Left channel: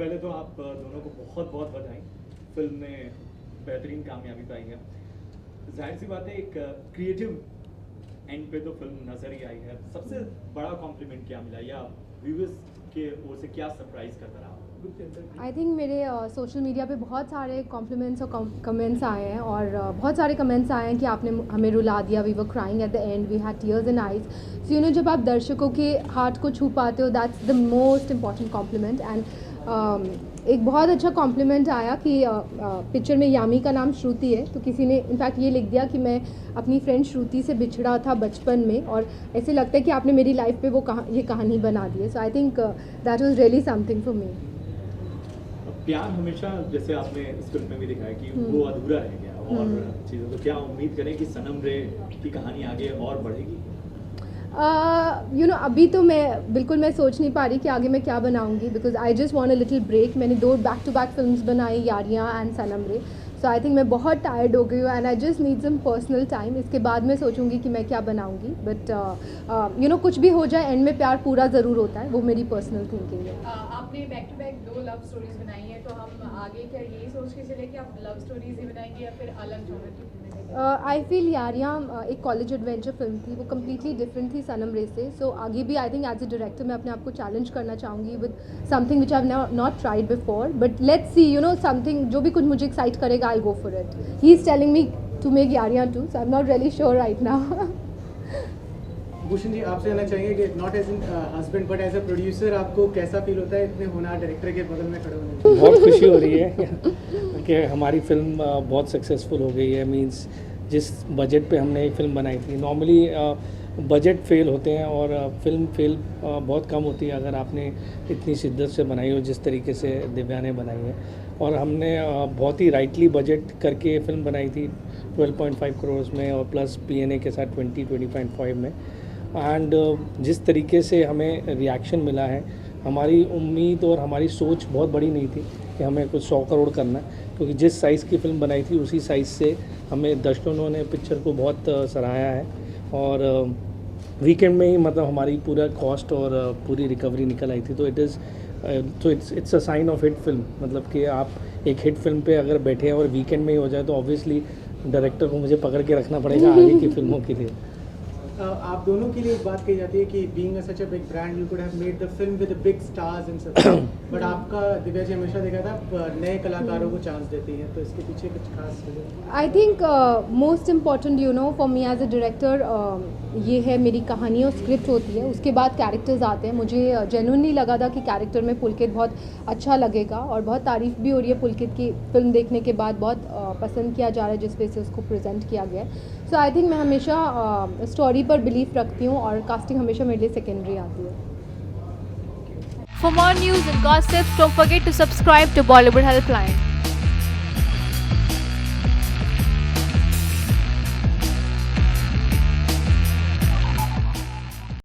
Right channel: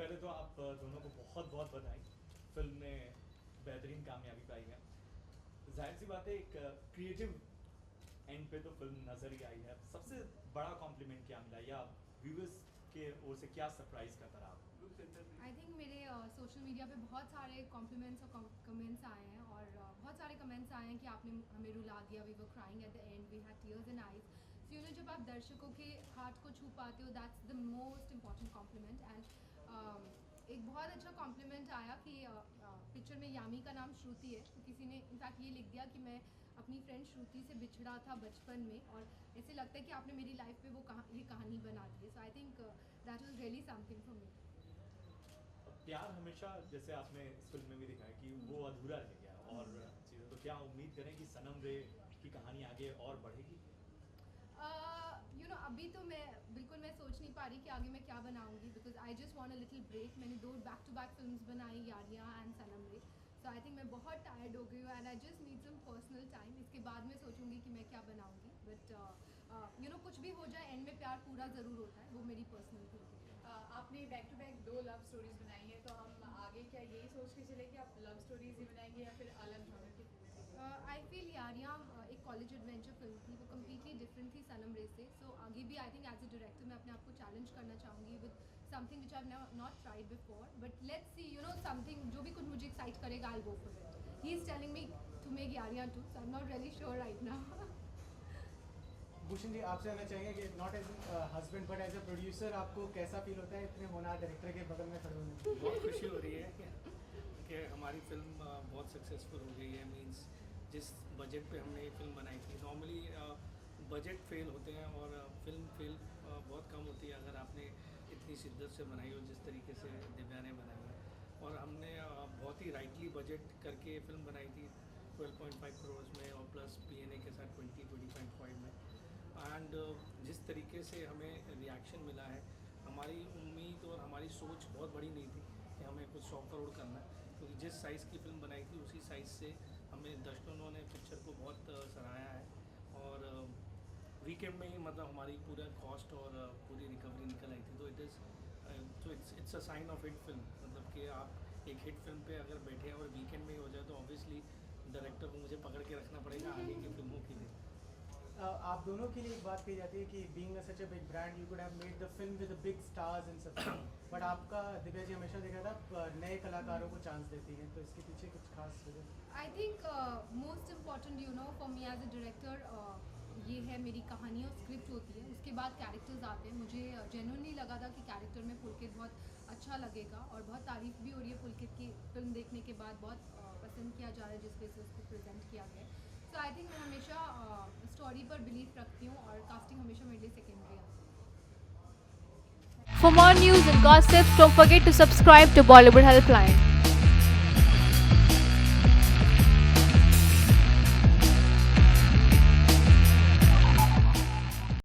पहले तो आप दोनों को बहुत बहुत बधाई, फिल्म में बेहतरीन कामयाबी पाई है। जाहिर सी बात है, एक क्रिएटिव एंड पे तो फिल्म नजर ही आई है। सबसे बड़ा कॉम्प्लीमेंट क्या मिला, या व्यूअर्स के ओर से क्या सरप्राइज करता रहा? आई थिंक मेरे सोशल मीडिया पे बहुत सारे कॉम्प्लीमेंट्स और कमेंट्स आए हैं, और बहुत सारे कमेंट्स आए हैं कि आपने हमें रुला दिया, we were crying at the end, we had tears in eyes. So you know, जब आप दर्शकों के हार्ट को छू पाते हो, that's the most important compliment. And एक बहुत अच्छा कॉम्प्लीमेंट आया कि पिक्चर में यामी का नाम श्रुति है, तो किसी ने इनफैक्ट ये लिख दिया कि मैं अपनी फ्रेंड श्रुति से बिछड़ा था बचपन में, और ऐसे लगता है कि आपने मेरी लाइफ पे वो ये कहानी बना दी है। So I think that was really something for me. प्यार हमेशा, जैसे आपने इस फिल्म में भी दिखाया कि वो अधूरा रह गया और चीज़ों, तो क्या उम्मीद करें कि सनम रे की कहानी आगे और बढ़ेगी? यू नो, अभी तो मैं सोच नहीं पा रही कि आगे मैं क्या बनाऊंगी, because I just want a little break. मैंने 2 बैक टू बैक फिल्म्स बनाई, यारियाँ एंड सनम रे। सो आई थिंक मैं बहुत टायर्ड हो गई हूँ, and I just need some personal time. इसके बाद मैं सोचूंगी कि मैं क्या बनाऊंगी, बट यू नो, कुछ भी हो जाए, एंड में प्यार पूरा ज़रूर होता है, वो मेरी पर्सनल थिंकिंग है। आपने back to back 2 love stories बनाई हैं, तो हम आगे क्या यही सोच के चले कि आप लव स्टोरीज ही बनाएंगे या फिर अलग जॉनर की फिल्में देखेंगे? आई फील यारियाँ एक कॉलेज एडवेंचर फिल्म थी, वो कम्प्लीटली डिफरेंट थी सनम रे से। सो आगे भी I think as a director मैं अपने आप को चैलेंज करना चाहूँगी with something which I have not tried before, but let's see, you know, something जो भी कुछ मुझे एक्साइट करेगा, I go for it. He is telling me to make Yaariyan two, so I am not really sure right now. Bhushan ji, आपसे जानना चाहेंगे कि not as an husband but as a producer आपको कैसा फील होता है इतने होनहार डायरेक्टर के बगल में खड़े होने में? बहुत खुशी हो रही है कि हमारी फिल्म बहुत सक्सेसफुल हो गई है। मींस जिस बजट पे हमने ये फिल्म बनाई थी, नॉर्मली बजट फेल होते हैं और फिल्म फेल बहुत कम होती है अगर आपने इतनी शिद्दत से बनाई हो जिस तरीके से दिव्या ने बनाई है। और हमने बहुत ही राइटली बजट करके फिल्म बनाई थी 12.5 करोड़ में, और प्लस पीएनए के साथ 20.5 में। एंड जिस तरीके से हमें रिएक्शन मिला है, हमारी उम्मीद और हमारी सोच बहुत बड़ी नहीं थी कि हमें कुछ 100 करोड़ करना है, क्योंकि जिस साइज़ की फ़िल्म बनाई थी उसी साइज़ से हमें दर्शकों ने पिक्चर को बहुत सराहाया है। और वीकेंड में ही मतलब हमारी पूरा कॉस्ट और पूरी रिकवरी निकल आई थी। तो it's a sign of hit film. मतलब कि आप एक हिट फिल्म पे अगर बैठे हैं और वीकेंड में ही हो जाए, तो ऑब्वियसली डायरेक्टर को मुझे पकड़ के रखना पड़ेगा आगे की फिल्मों के लिए। आप दोनों के लिए एक बात कही जाती है कि being such a big brand you could have made the film with big stars and सब, बट आपका दिव्या जी हमेशा देखा था आप नए कलाकारों को चांस देती हैं, तो इसके पीछे कुछ खास वजह? I think most important, you know, for me as a director, ये है मेरी कहानी और स्क्रिप्ट होती है, उसके बाद कैरेक्टर्स आते हैं। मुझे जेन्युइनली लगा था कि कैरेक्टर में पुलकित बहुत अच्छा लगेगा, और बहुत तारीफ़ भी हो रही है पुलकित की फिल्म देखने के बाद, बहुत पसंद किया जा रहा है जिस वजह से उसको प्रेजेंट किया गया है। सो आई थिंक मैं हमेशा स्टोरी पर बिलीव रखती हूँ, और कास्टिंग हमेशा मेरे लिए सेकेंडरी आती है। For more news and gossip, don't forget to subscribe to Bollywood Helpline.